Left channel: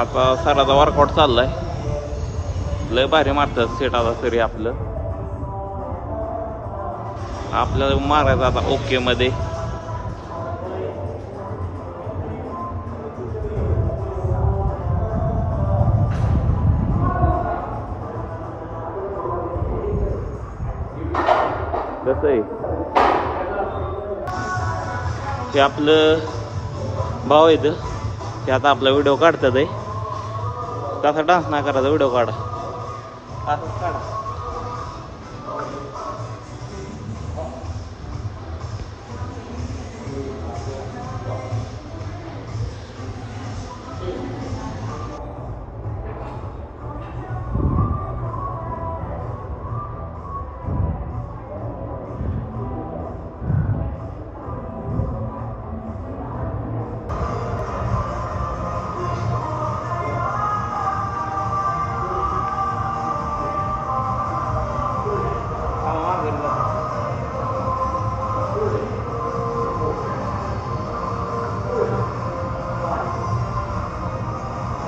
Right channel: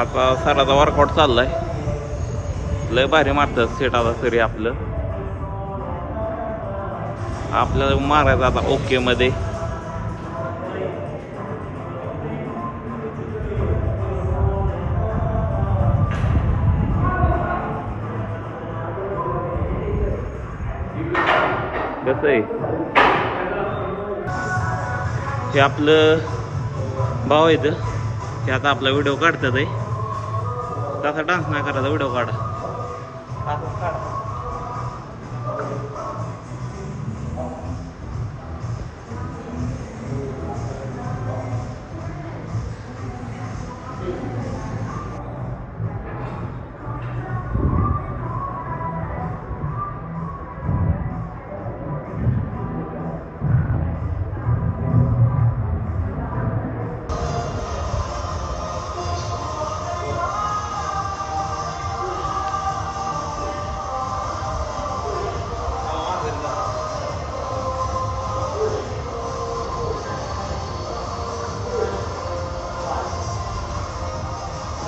आता सराचा वर्कआउट चाललाय. लय भारी मारतात सेट आता तरी आपल्याला मारायचं आता ओके मध्ये. कसं आहे हे आपलं भाव येतं ते आता आपला व्हिडिओ काढतात आहे. कसा डान्स नाही करायचा व्हिडिओ काढा.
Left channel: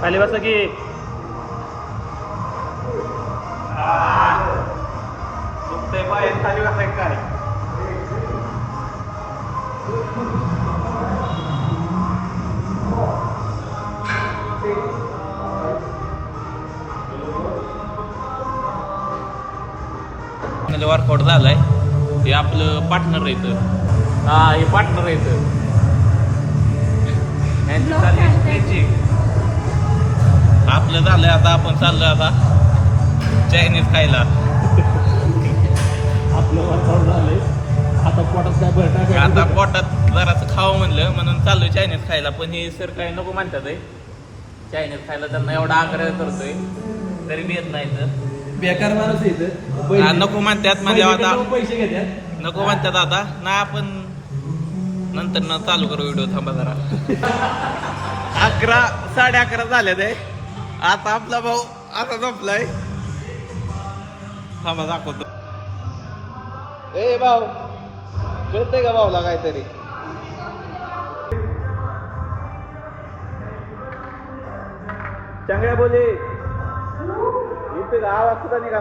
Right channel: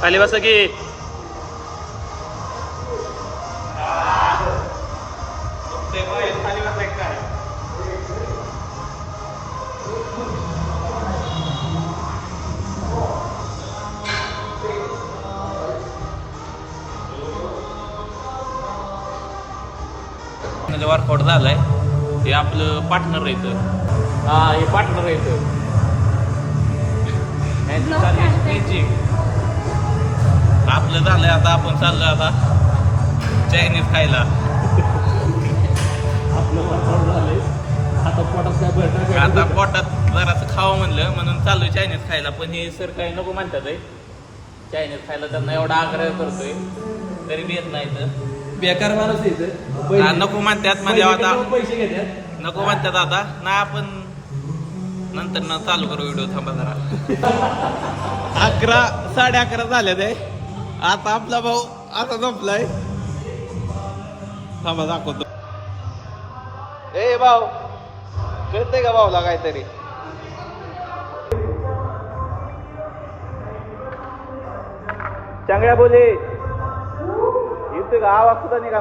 खाली बसा की. खाली बसाय काय वर्कआउट झालाय. हे आपलं पार्टनर येतं. हे पार्टनर येतं. आपलं झालंय आता आपण चाललोय आता चायनीज खायला. आपलं वर्कआउट झालंय आता पोटात काय भरटा. आता पोटात जरासं खावं म्हणलं म्हणून चाललोय चायनीज खायला. पण ही सर काय नको म्हणतात चायनीज खायला. त्यांना एवढा आग्रह करतोय तरी बी येत नाही. तर बेकार माणूस येतं नको म्हणतात म्हणजे आता पैसे घेतात. नको म्हणतात आता नाही. आपण नंतर न चालू करू व्हिडिओ. थांबा जरा. 11 11:30 झाले ते. आता आपला भाऊ आता झोपलाय. थांबा दाखवतो. ए भाऊ कळतंय का भाऊला काहीतरी. चांगल्या बोले इथे का आवाज सुद्धा निघा.